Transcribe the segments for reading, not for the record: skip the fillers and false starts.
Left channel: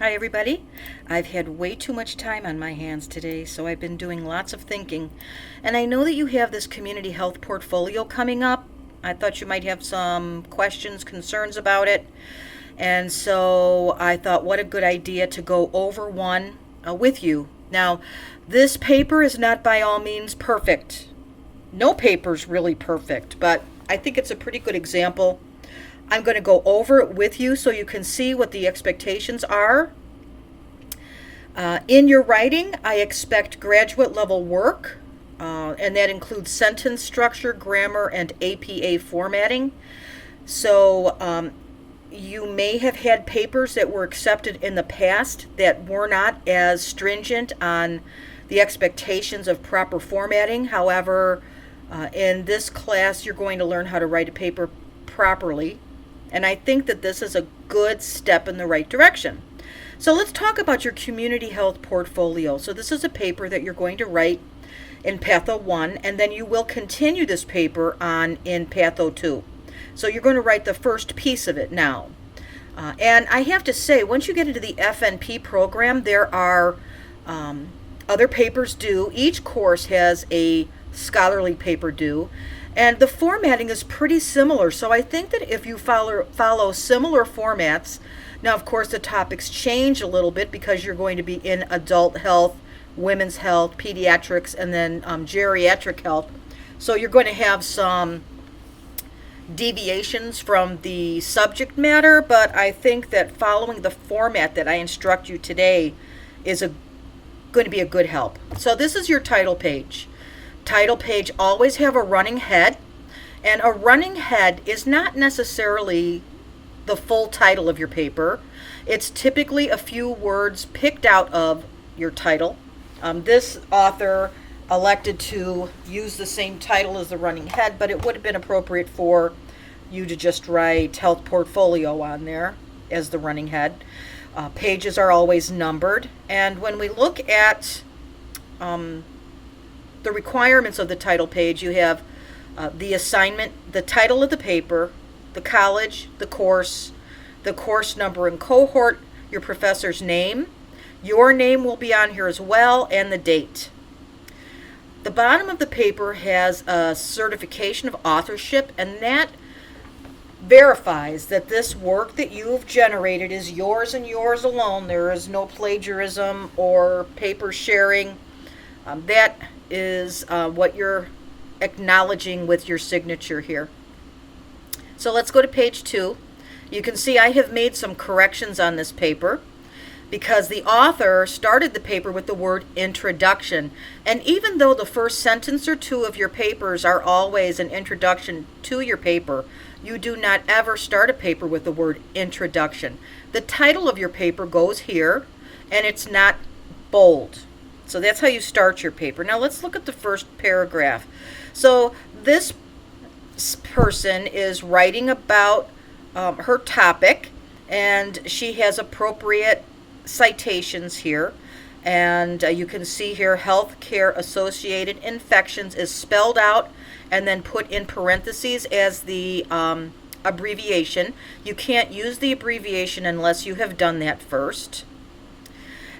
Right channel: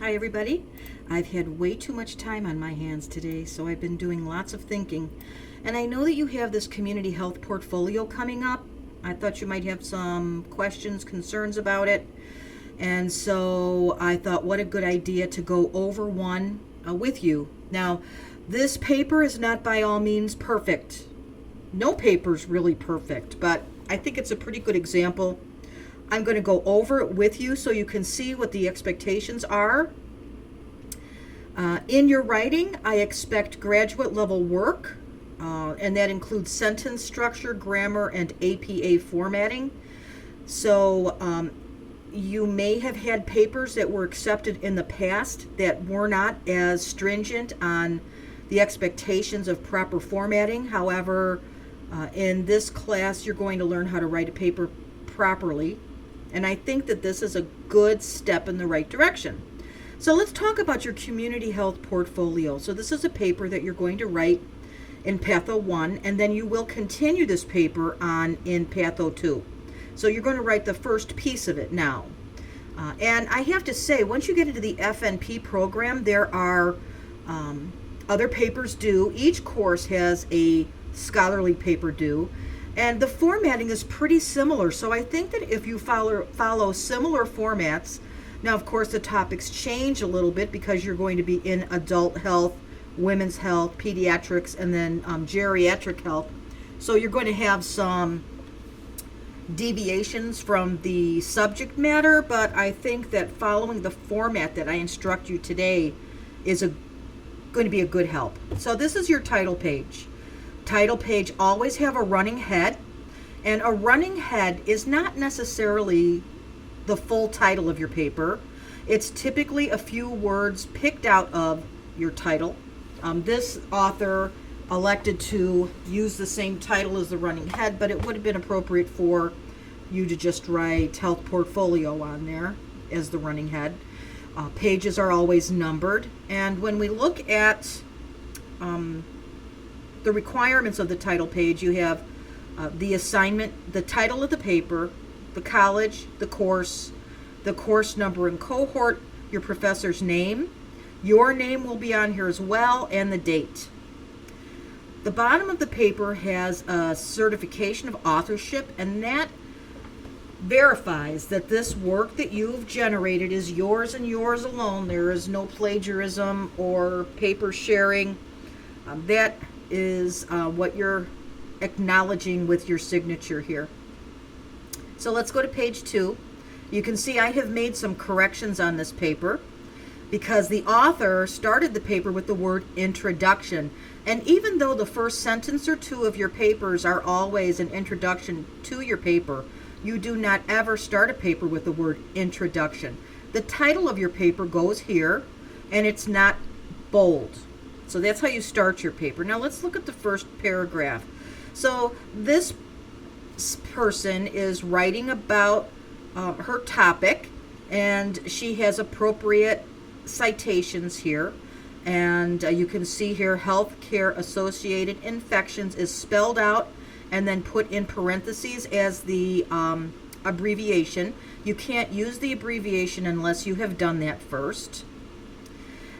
Hi, everybody. I've had way too much time on my hands today, so I've been doing lots of thinking. And I know that you have this community health portfolio coming up. I thought you might have some questions, concerns about it. And so I thought, what a good idea to go over one with you. Now, this paper is not by all means perfect. No paper's really perfect, but I think it's a pretty good example. I'm going to go over it with you so you can see what the expectations are. In your writing, I expect graduate level work, and that includes sentence structure, grammar, and APA formatting. So you may have had papers that were accepted in the past that were not as stringent on the expectations of proper formatting. However, in this class, you're going to learn how to write a paper properly. And I think that this is a good step in the right direction. So let's talk about your community health portfolio. So this is a paper that you're going to write in Patho 1, and then you will continue this paper on in Patho 2. So you're going to write the first piece of it now. And I have to say, once you get into the FNP program, there are other papers due. Each course has a scholarly paper due. And the formatting is pretty similar. So I think that if you follow similar formats, now of course the topics change a little bit because you're going to be in adult health, women's health, pediatrics, and then geriatric health. So you're going to have some deviations from the subject matter, but I think that following the format that I instruct you today is going to be a good help. So this is your title page. Title page always have a running head, and a running head is not necessarily the full title of your paper. It's typically a few words picked out of your title. This author elected to use the same title as the running head, but it would have been appropriate for you to just write health portfolio on there as the running head. Pages are always numbered, and when we look at the requirements of the title page, you have the assignment, the title of the paper, the college, the course number and cohort, your professor's name. Your name will be on here as well, and the date. The bottom of the paper has a certification of authorship, and that verifies that this work that you've generated is yours and yours alone. There is no plagiarism or paper sharing. That is what you're acknowledging with your signature here. So let's go to page 2. You can see I have made some corrections on this paper because the author started the paper with the word introduction. And even though the first sentence or two of your papers are always an introduction to your paper, you do not ever start a paper with the word introduction. The title of your paper goes here, and it's not bold. So that's how you start your paper. Now let's look at the first paragraph. So this person is writing about her topic, and she has appropriate citations here. And you can see here healthcare associated infections is spelled out and then put in parentheses as the abbreviation. You can't use the abbreviation unless you have done that first.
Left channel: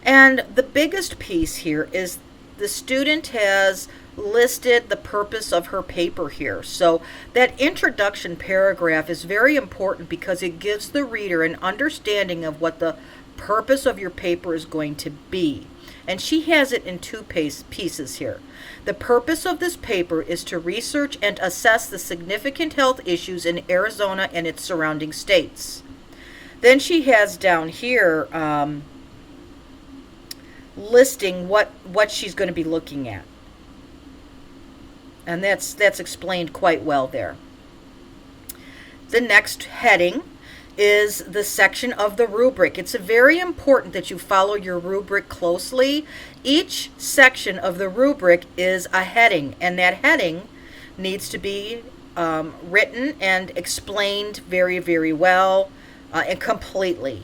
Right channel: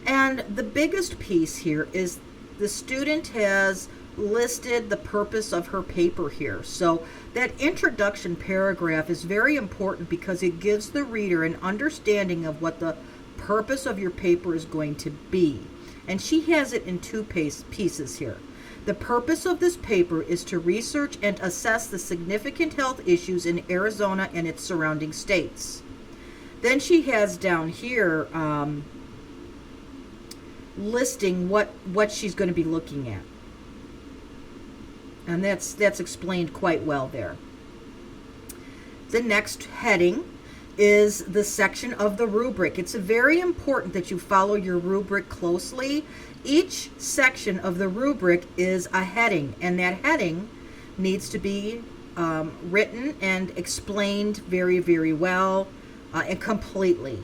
And the biggest piece here is the student has listed the purpose of her paper here. So that introduction paragraph is very important because it gives the reader an understanding of what the purpose of your paper is going to be. And she has it in two pieces here. The purpose of this paper is to research and assess the significant health issues in Arizona and its surrounding states. Then she has down here listing what she's going to be looking at. And that's explained quite well there. The next heading is the section of the rubric. It's very important that you follow your rubric closely. Each section of the rubric is a heading, and that heading needs to be written and explained very, very well and completely.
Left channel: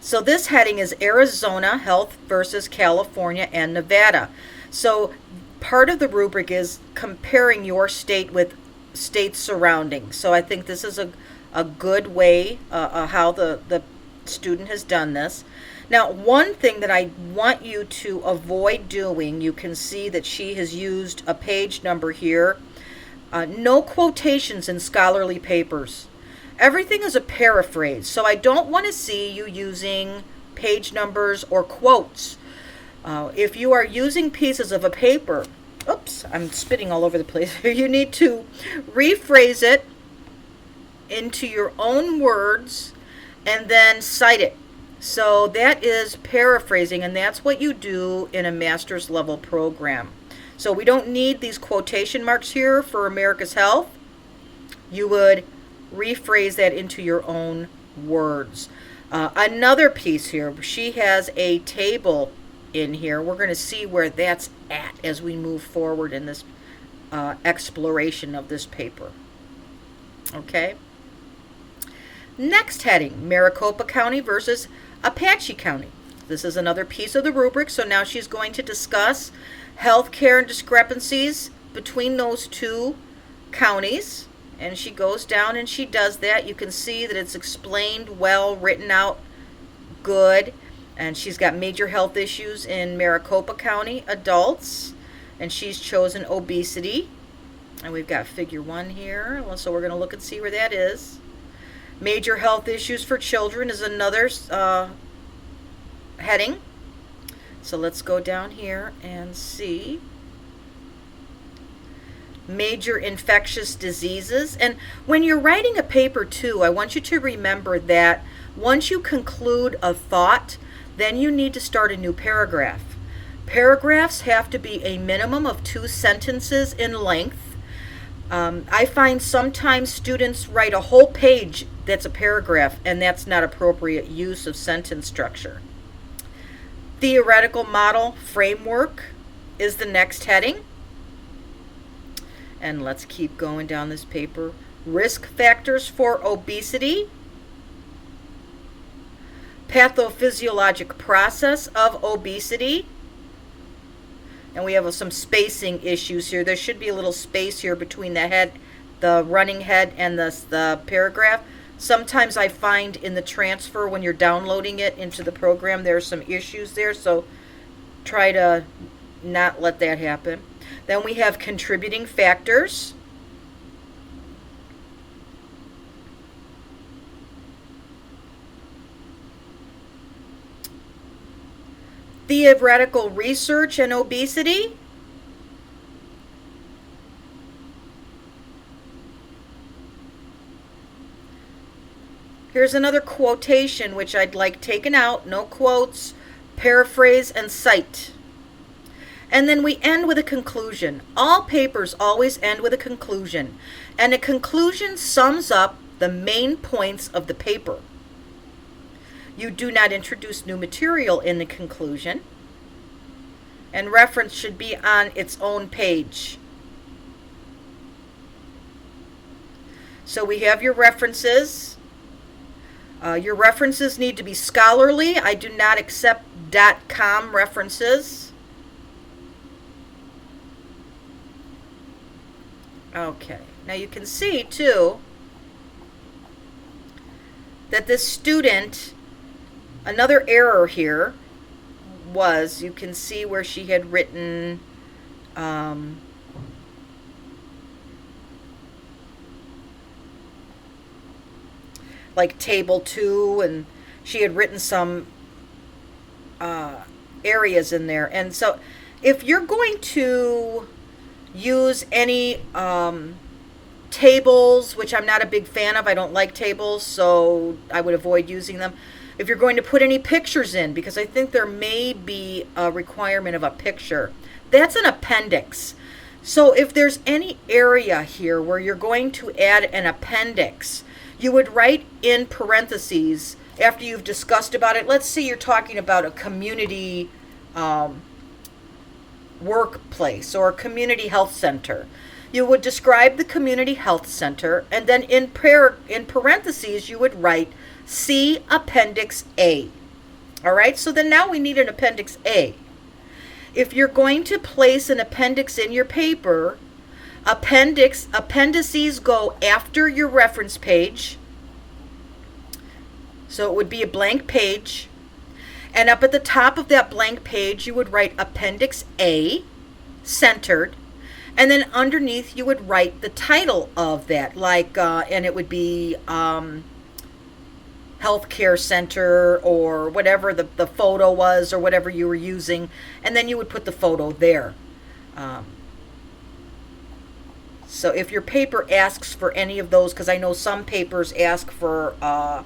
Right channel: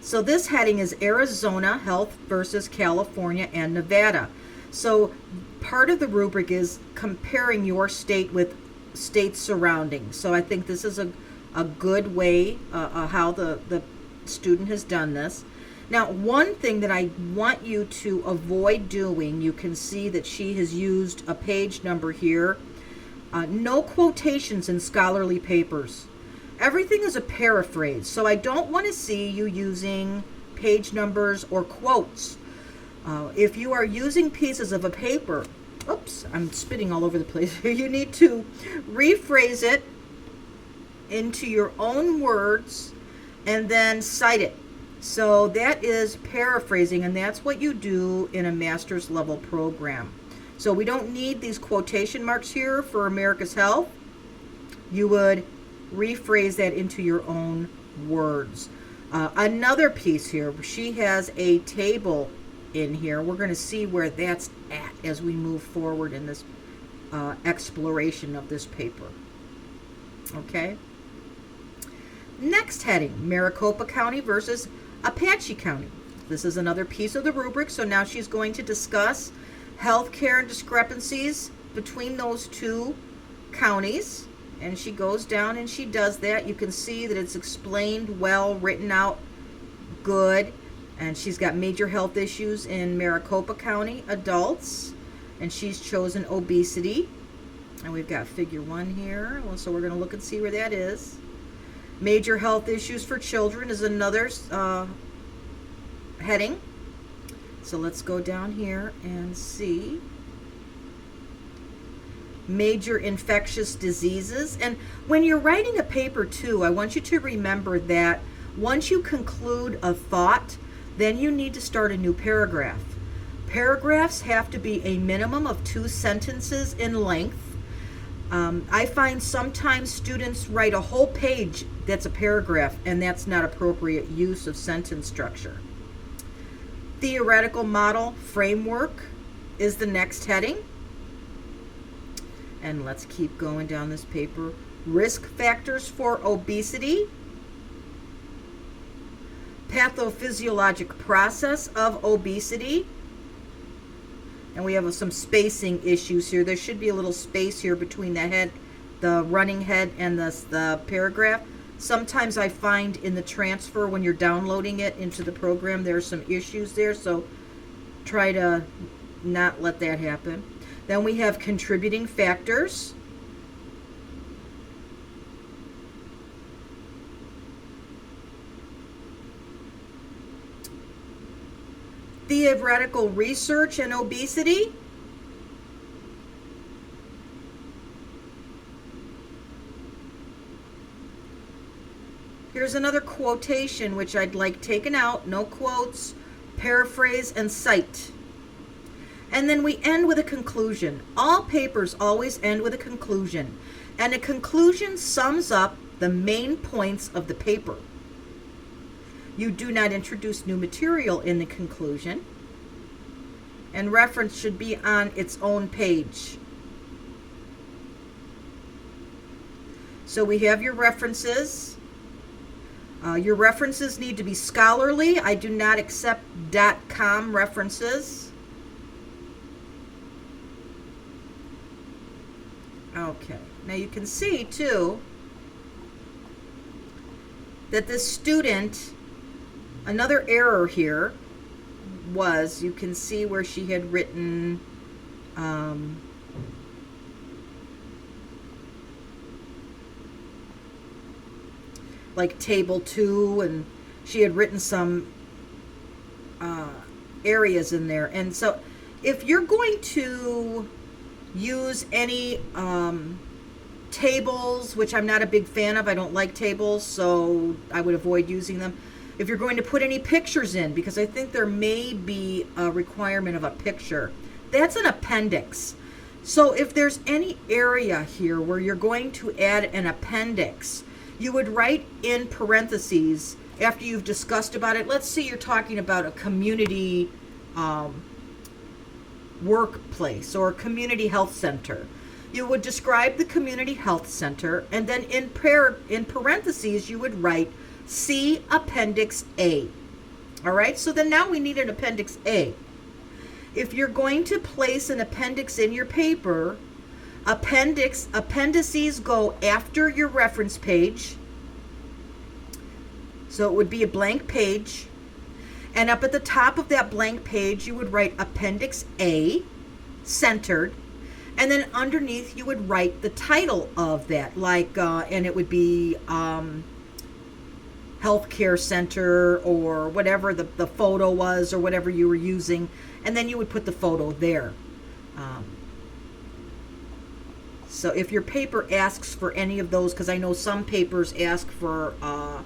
So this heading is Arizona Health versus California and Nevada. So part of the rubric is comparing your state with states surrounding. So I think this is a good way how the student has done this. Now, one thing that I want you to avoid doing, you can see that she has used a page number here. No quotations in scholarly papers. Everything is a paraphrase, so I don't want to see you using page numbers or quotes. If you are using pieces of a paper, oops, I'm spitting all over the place. You need to rephrase it into your own words and then cite it. So that is paraphrasing, and that's what you do in a master's level program. So we don't need these quotation marks here for America's Health. You would rephrase that into your own words. Another piece here, she has a table in here. We're going to see where that's at as we move forward in this exploration of this paper. Okay. Next heading, Maricopa County versus Apache County. This is another piece of the rubric. So now she's going to discuss healthcare and discrepancies between those two counties. And she goes down and she does that. You can see that it's explained well, written out good. And she's got major health issues in Maricopa County, adults. And she's chosen obesity. And we've got figure 1 here. So we're going to look and see where that is. Major health issues for children is another heading. So let's go down here and see. Major infectious diseases. And when you're writing a paper too, I want you to remember that once you conclude a thought, then you need to start a new paragraph. Paragraphs have to be a minimum of 2 sentences in length. I find sometimes students write a whole page that's a paragraph, and that's not appropriate use of sentence structure. Theoretical model framework is the next heading. And let's keep going down this paper. Risk factors for obesity. Pathophysiologic process of obesity. And we have some spacing issues here. There should be a little space here between the head, the running head, and the paragraph. Sometimes I find in the transfer when you're downloading it into the program, there's some issues there. So try to not let that happen. Then we have contributing factors. Theoretical research and obesity. Here's another quotation which I'd like taken out. No quotes, paraphrase, and cite. And then we end with a conclusion. All papers always end with a conclusion. And a conclusion sums up the main points of the paper. You do not introduce new material in the conclusion. And reference should be on its own page. So we have your references. Your references need to be scholarly. I do not accept .com references. Okay, now you can see too that this student, another error here was, you can see where she had written like table 2, and she had written some areas in there. And so if you're going to use any tables, which I'm not a big fan of, I don't like tables, so I would avoid using them. If you're going to put any pictures in, because I think there may be a requirement of a picture, that's an appendix. So if there's any area here where you're going to add an appendix, you would write in parentheses after you've discussed about it. Let's say you're talking about a community workplace or a community health center. You would describe the community health center, and then in parentheses you would write see Appendix A. All right, so then now we need an Appendix A. If you're going to place an appendix in your paper, appendices go after your reference page. So it would be a blank page. And up at the top of that blank page, you would write Appendix A, centered. And then underneath, you would write the title of that, like, and it would be Healthcare Center or whatever the photo was or whatever you were using. And then you would put the photo there. So if your paper asks for any of those, because I know some papers ask for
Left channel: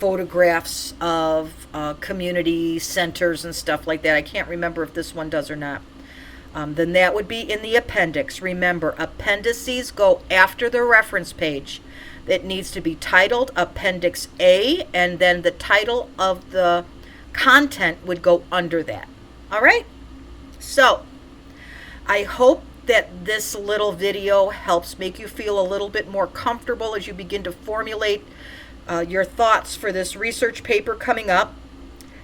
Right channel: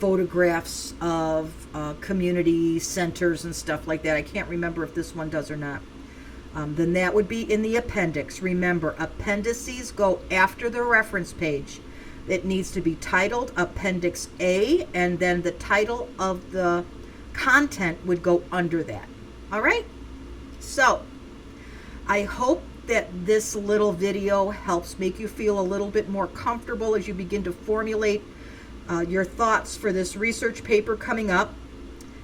photographs of community centers and stuff like that. I can't remember if this one does or not. Then that would be in the appendix. Remember, appendices go after the reference page. It needs to be titled Appendix A, and then the title of the content would go under that. All right? So, I hope that this little video helps make you feel a little bit more comfortable as you begin to formulate your thoughts for this research paper coming up.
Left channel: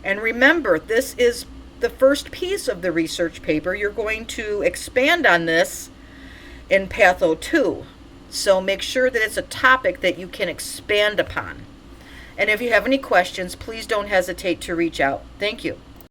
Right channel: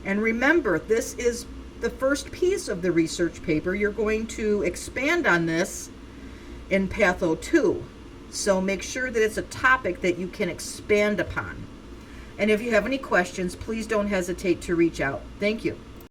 And remember, this is the first piece of the research paper. You're going to expand on this in Patho 2. So make sure that it's a topic that you can expand upon. And if you have any questions, please don't hesitate to reach out. Thank you.